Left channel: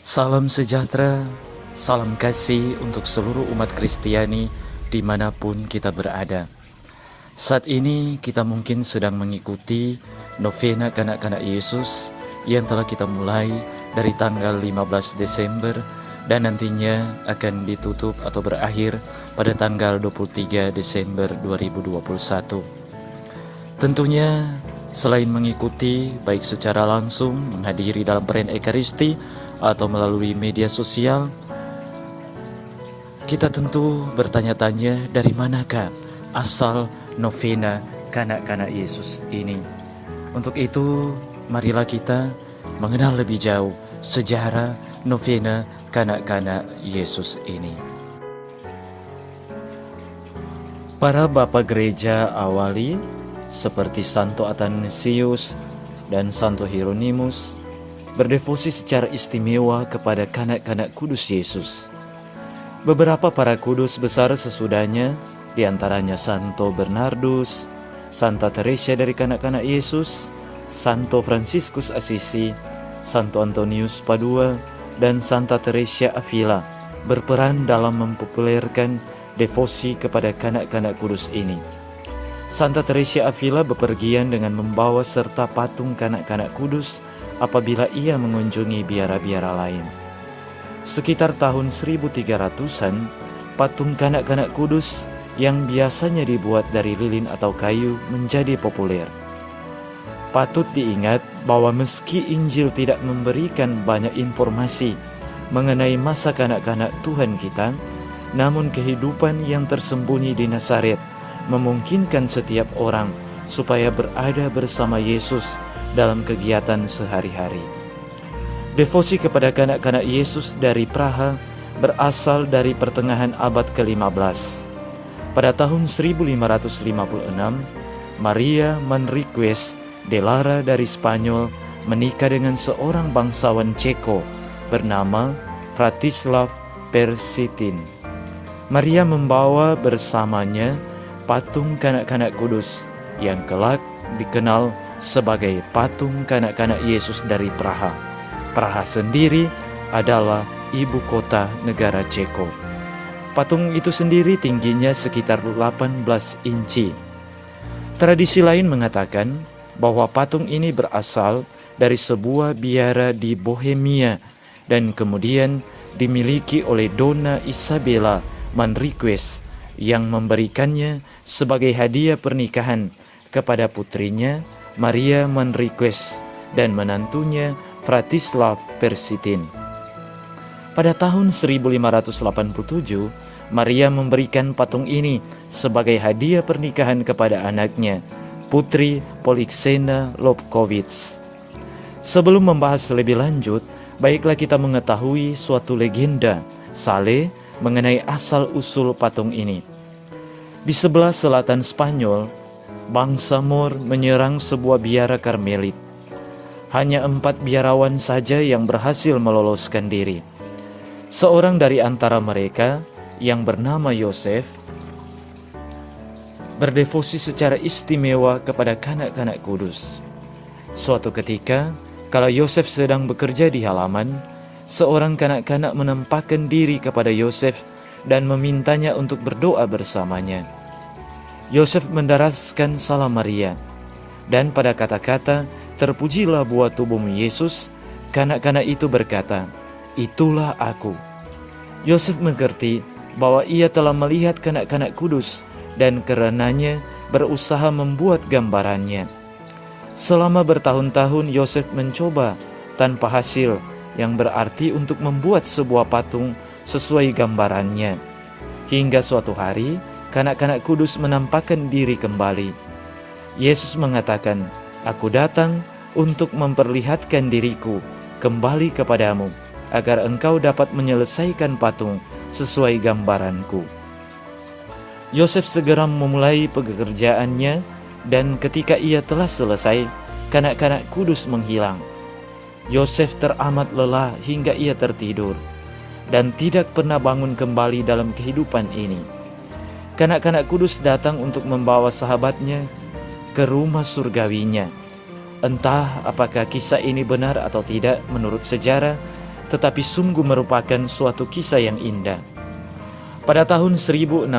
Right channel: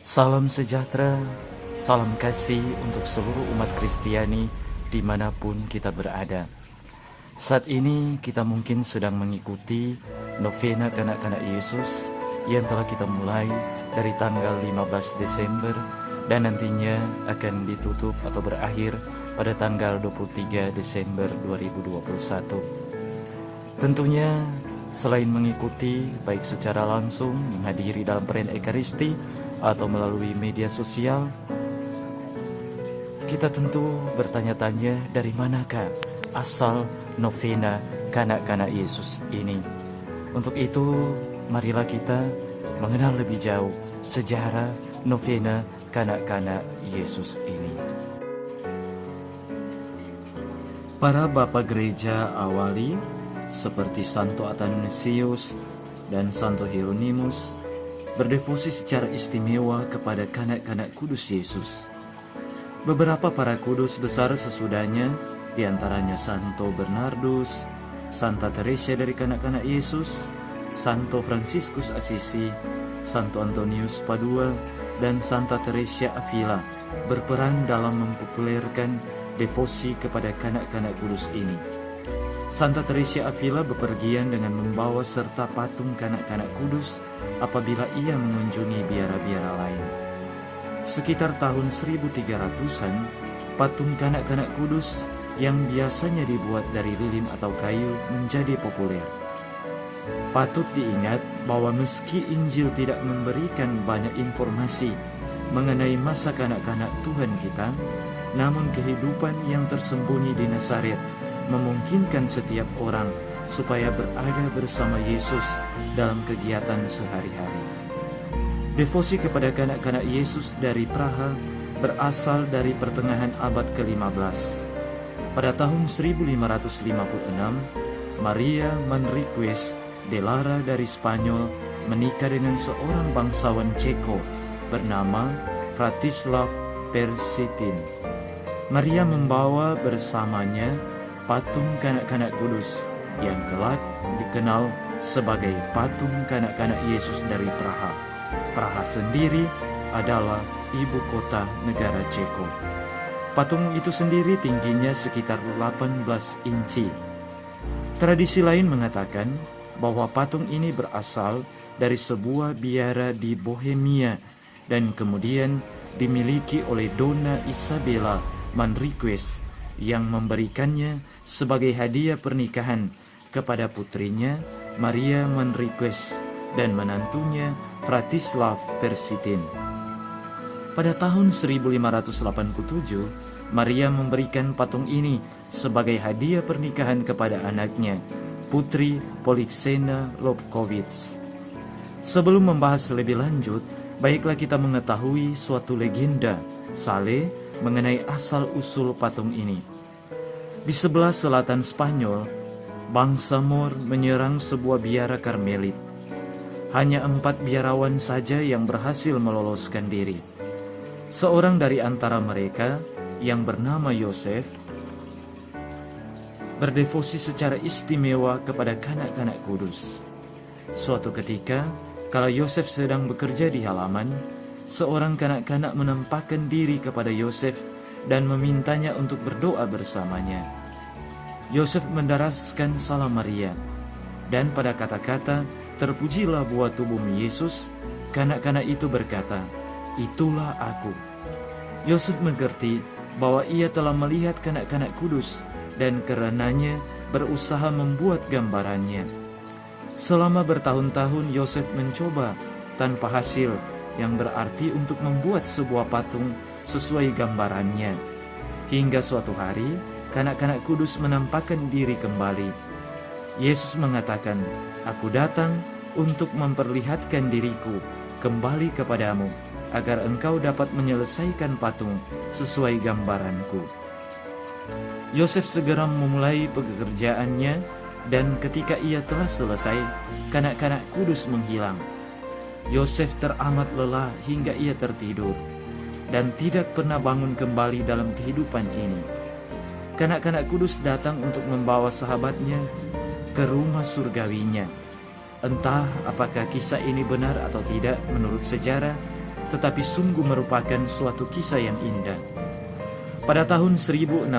Salam sejahtera, salam kasih untuk seluruh umat Kristiani dimanapun kita berada. Saat ini kita mungkin sedang mengikuti novena kanak-kanak Yesus yang telah kita mulai dari tanggal 15 Desember dan nantinya akan ditutup atau berakhir pada tanggal 23 Desember 2021. Tentunya selain mengikuti baik secara langsung menghadiri dalam perayaan Ekaristi atau melalui media sosial, kita tentu bertanya-tanya dari manakah asal novena kanak-kanak Yesus ini. Untuk itu, marilah kita mengenal lebih jauh sejarah novena kanak-kanak Yesus ini. Para Bapak Gereja awali seperti Santo Athanasius dan Santo Hieronymus berdevosi secara istimewa kepada kanak-kanak kudus Yesus. Beberapa para kudus besar sesudahnya, diantaranya Santo Bernardus, Santa Teresa dari kanak-kanak Yesus, Santo Fransiskus Assisi, Santo Antonius Padua, dan Santa Teresa Avila berperan dalam mempopulerkan devosi kepada kanak-kanak kudus ini. Santa Teresa Avila bepergian dengan membawa serta patung kanak-kanak kudus apabila ia mengunjungi biara-biara lain. Sekitar tahun 1300-an, patung kanak-kanak kudus yang biasanya dibuat dari lilin atau kayu menjadi populer. Patut diingat bahwa meski Injil tidak memberikan banyak informasi mengenai masa kanak-kanak Tuhan kita, namun kehidupan yang tersembunyi di Nazaret memungkinkan setiap orang supaya berada bersama Yesus dalam kegiatan sehari-hari. Devosi kepada kanak-kanak Yesus dari Praha berasal dari pertengahan abad ke-15. Pada tahun 1556, Maria Manriquez de Lara dari Spanyol menikah dengan seorang bangsawan Ceko bernama Vratislav Persitin. Maria membawa bersamanya patung kanak-kanak kudus yang kelak dikenal sebagai patung kanak-kanak Yesus dari Praha. Praha sendiri adalah ibu kota negara Ceko. Patung itu sendiri tingginya sekitar 18 inci. Tradisi lain mengatakan bahwa patung ini berasal dari sebuah biara di Bohemia dan kemudian dimiliki oleh Donna Isabella Manriquez yang memberikannya sebagai hadiah pernikahan kepada putrinya Maria Manriquez dan menantunya Vratislav Persitin. Pada tahun 1587, Maria memberikan patung ini sebagai hadiah pernikahan kepada anaknya, Putri Polixena Lobkowicz. Sebelum membahas lebih lanjut, baiklah kita mengetahui suatu legenda Sale mengenai asal-usul patung ini. Di sebelah selatan Spanyol, bangsa Moor menyerang sebuah biara Karmelit. Hanya 4 biarawan saja yang berhasil meloloskan diri. Seorang dari antara mereka yang bernama Yosef berdevosi secara istimewa kepada kanak-kanak kudus. Suatu ketika, kala Yosef sedang bekerja di halaman, seorang kanak-kanak menampakkan diri kepada Yosef dan memintanya untuk berdoa bersamanya. Yosef mendaraskan salam Maria, dan pada kata-kata "Terpujilah buah tubuhmu Yesus", kanak-kanak itu berkata, "Itulah aku." Yosef mengerti bahwa ia telah melihat kanak-kanak kudus dan karenanya berusaha membuat gambarannya. Selama bertahun-tahun Yosef mencoba tanpa hasil, yang berarti untuk membuat sebuah patung sesuai gambarannya. Hingga suatu hari, kanak-kanak kudus menampakkan diri kembali. Yesus mengatakan, "Aku datang untuk memperlihatkan diriku kembali kepadamu, agar engkau dapat menyelesaikan patung sesuai gambaranku." Yosef segera memulai pekerjaannya, dan ketika ia telah selesai, kanak-kanak kudus menghilang. Yosef teramat lelah hingga ia tertidur dan tidak pernah bangun kembali dalam kehidupan ini. Kanak-kanak kudus datang untuk membawa sahabatnya ke rumah surgawinya. Entah apakah kisah ini benar atau tidak menurut sejarah, tetapi sungguh merupakan suatu kisah yang indah. Pada tahun 1628,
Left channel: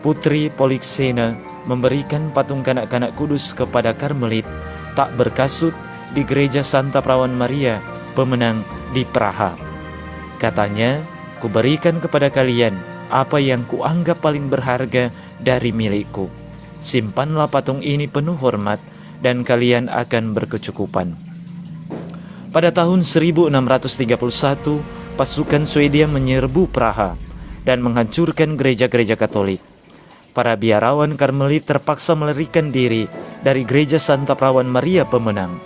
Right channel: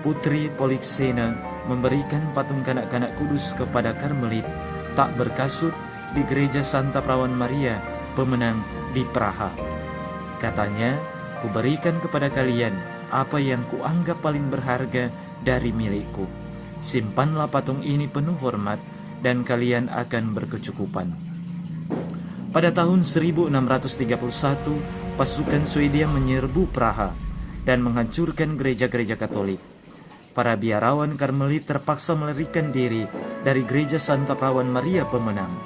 Putri Polixena memberikan patung kanak-kanak kudus kepada Karmelit tak berkasut di gereja Santa Perawan Maria Pemenang di Praha. Katanya, "Kuberikan kepada kalian apa yang kuanggap paling berharga dari milikku. Simpanlah patung ini penuh hormat dan kalian akan berkecukupan." Pada tahun 1631, pasukan Swedia menyerbu Praha dan menghancurkan gereja-gereja Katolik. Para biarawan Karmelit terpaksa melarikan diri dari gereja Santa Perawan Maria Pemenang.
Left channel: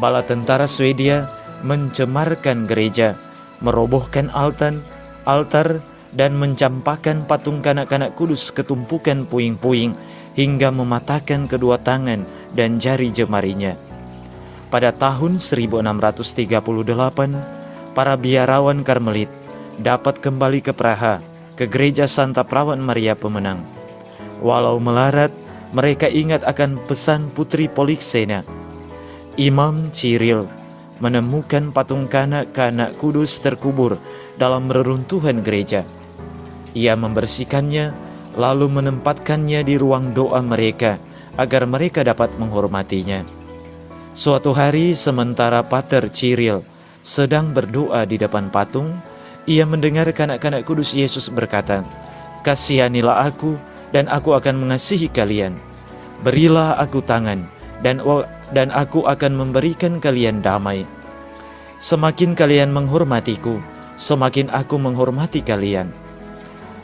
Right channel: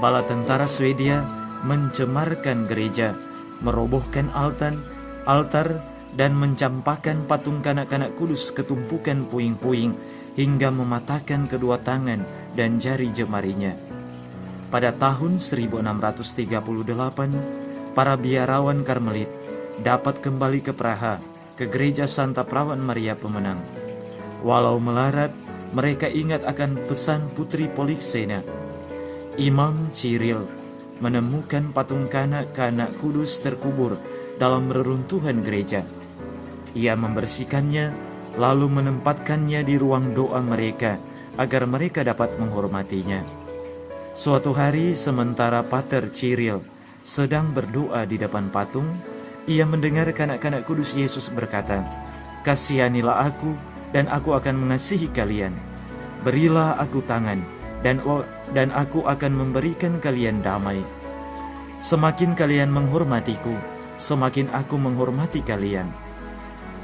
Bala tentara Swedia mencemarkan gereja, merobohkan altar, dan mencampakkan patung kanak-kanak kudus ke tumpukan puing-puing hingga mematahkan kedua tangan dan jari jemarinya. Pada tahun 1638, para biarawan Karmelit dapat kembali ke Praha, ke gereja Santa Perawan Maria Pemenang. Walau melarat, mereka ingat akan pesan Putri Polixena. Imam Cyril menemukan patung kanak-kanak kudus terkubur dalam reruntuhan gereja. Ia membersihkannya, lalu menempatkannya di ruang doa mereka agar mereka dapat menghormatinya. Suatu hari, sementara Pater Cyril sedang berdoa di depan patung, ia mendengar kanak-kanak kudus Yesus berkata, "Kasihanilah aku, dan aku akan mengasihi kalian. Berilah aku tangan, dan aku akan memberikan kalian damai. Semakin kalian menghormatiku, semakin aku menghormati kalian."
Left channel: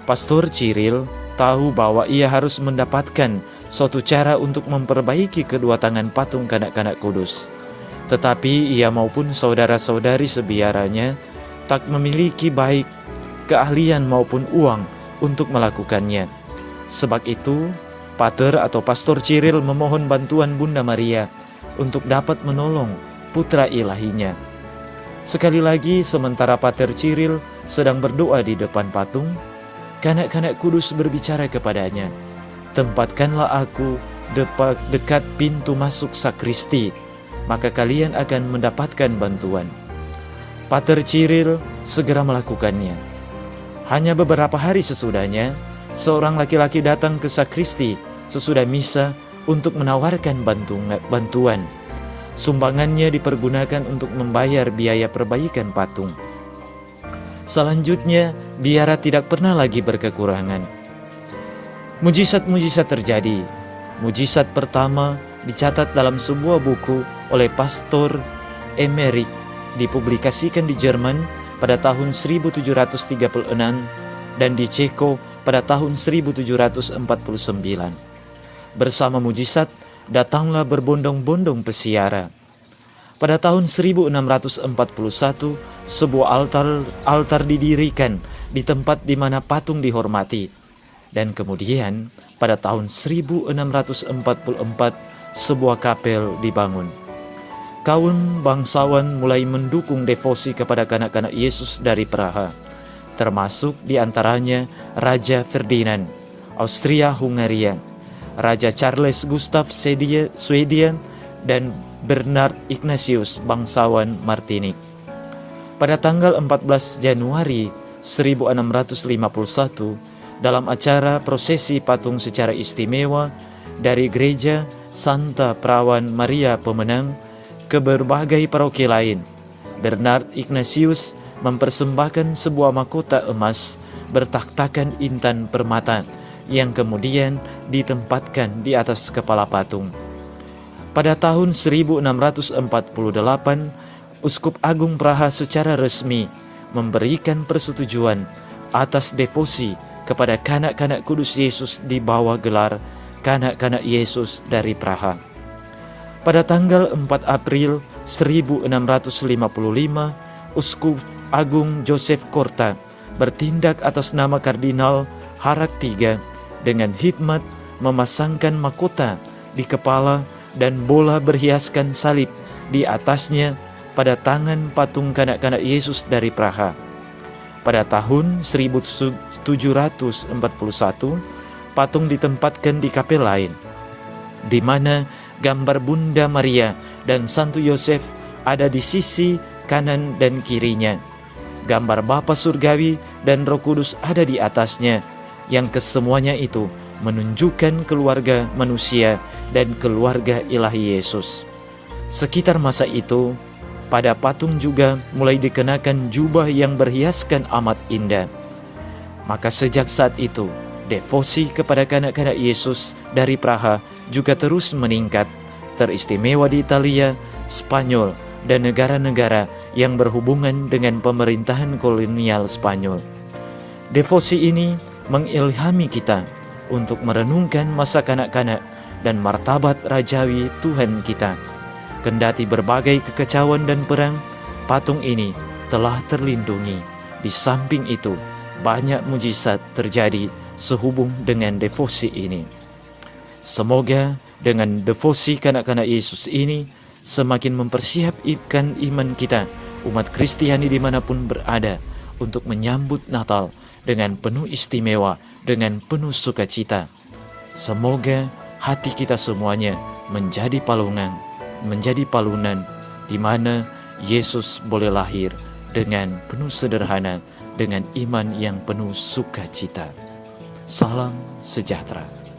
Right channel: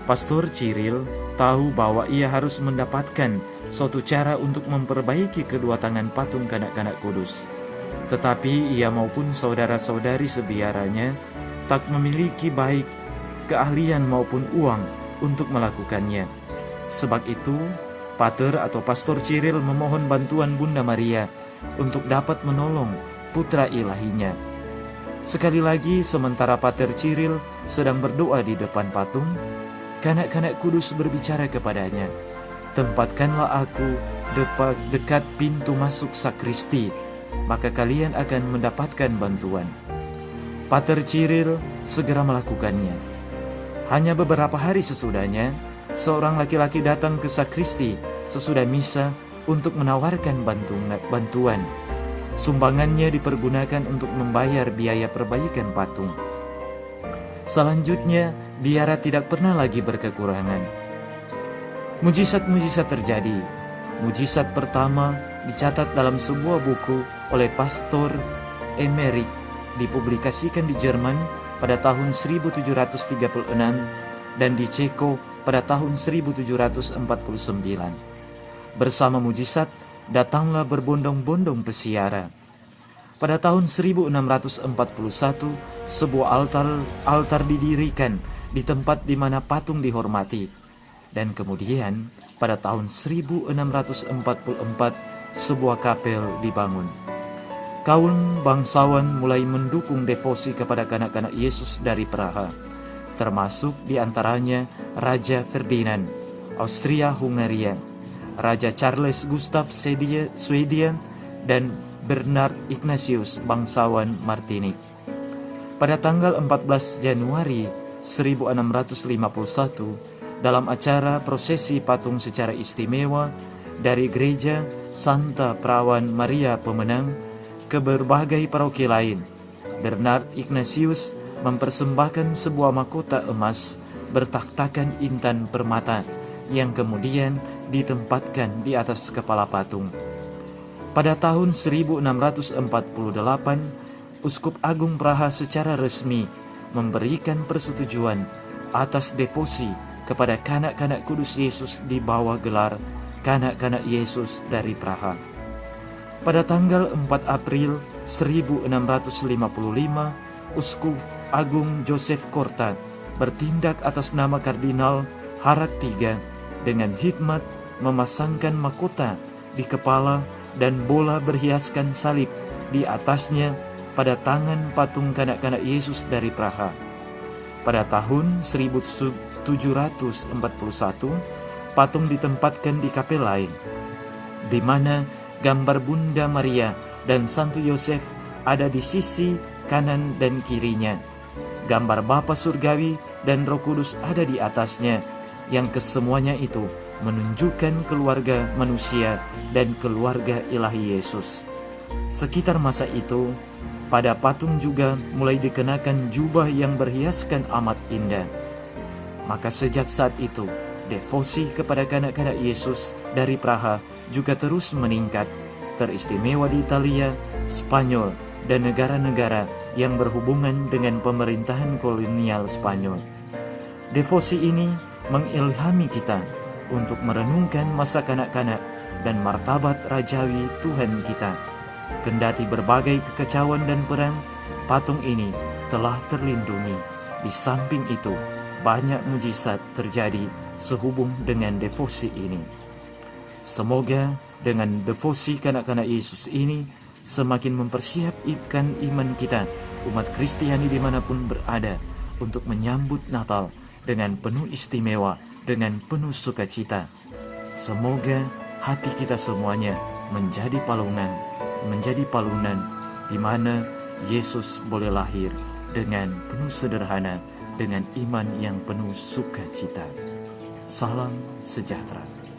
Pastor Cyril tahu bahwa ia harus mendapatkan suatu cara untuk memperbaiki kedua tangan patung kanak-kanak kudus. Tetapi ia maupun saudara-saudari sebiaranya tak memiliki baik keahlian maupun uang untuk melakukannya. Sebab itu, Pater atau Pastor Cyril memohon bantuan Bunda Maria untuk dapat menolong putra ilahinya. Sekali lagi, sementara Pater Cyril sedang berdoa di depan patung, kanak-kanak kudus berbicara kepadanya, "Tempatkanlah aku dekat pintu masuk sakristi, maka kalian akan mendapatkan bantuan." Pater Cyril segera melakukannya. Hanya beberapa hari sesudahnya, seorang laki-laki datang ke sakristi sesudah misa untuk menawarkan bantuan. Sumbangannya dipergunakan untuk membayar biaya perbaikan patung. Selanjutnya, biara tidak pernah lagi berkekurangan. Mujizat-mujizat terjadi. Mujizat pertama dicatat dalam sebuah buku oleh Pastor Emmerich, dipublikasikan di Jerman pada tahun 1736 dan di Ceko pada tahun 1749. Bersama mujizat, datanglah berbondong-bondong pesiara. Pada tahun 1641, sebuah altar didirikan di tempat di mana patung dihormati. Dan kemudian, pada tahun 1644, sebuah kapel dibangun. Kaum bangsawan mulai mendukung devosi kepada kanak-kanak Yesus dari Praha, termasuk diantaranya Raja Ferdinand, Austria-Hungaria, Raja Charles Gustav Swedia, dan Bernard Ignatius, bangsawan Martinik. Pada tanggal 14 Januari 1651, dalam acara prosesi patung secara istimewa dari gereja Santa Perawan Maria Pemenang ke berbagai paroki lain, Bernard Ignatius mempersembahkan sebuah mahkota emas bertaktakan intan permata yang kemudian ditempatkan di atas kepala patung. Pada tahun 1648, Uskup Agung Praha secara resmi memberikan persetujuan atas devosi kepada kanak-kanak kudus Yesus di bawah gelar Kanak-kanak Yesus dari Praha. Pada tanggal 4 April 1655, Uskup Agung Joseph Korta bertindak atas nama Kardinal Harak III dengan hikmat memasangkan mahkota di kepala dan bola berhiaskan salib di atasnya pada tangan patung kanak-kanak Yesus dari Praha. Pada tahun 1741, patung ditempatkan di kapel lain, di mana gambar Bunda Maria dan Santo Yosef ada di sisi kanan dan kirinya. Gambar Bapa Surgawi dan Roh Kudus ada di atasnya, yang kesemuanya itu menunjukkan keluarga manusia dan keluarga ilahi Yesus. Sekitar masa itu, pada patung juga mulai dikenakan jubah yang berhiaskan amat indah. Maka sejak saat itu, devosi kepada kanak-kanak Yesus dari Praha juga terus meningkat, teristimewa di Italia, Spanyol, dan negara-negara yang berhubungan dengan pemerintahan kolonial Spanyol. Devosi ini mengilhami kita untuk merenungkan masa kanak-kanak dan martabat rajawi Tuhan kita. Kendati berbagai kekacauan dan perang, patung ini telah terlindungi. Di samping itu, banyak mujizat terjadi sehubung dengan devosi ini. Semoga dengan devosi kanak-kanak Yesus ini semakin mempersiapkan iman kita, umat Kristiani dimanapun berada, untuk menyambut Natal dengan penuh istimewa, dengan penuh sukacita. Semoga hati kita semuanya menjadi palunan di mana Yesus boleh lahir dengan penuh sederhana, dengan iman yang penuh sukacita. Salam sejahtera.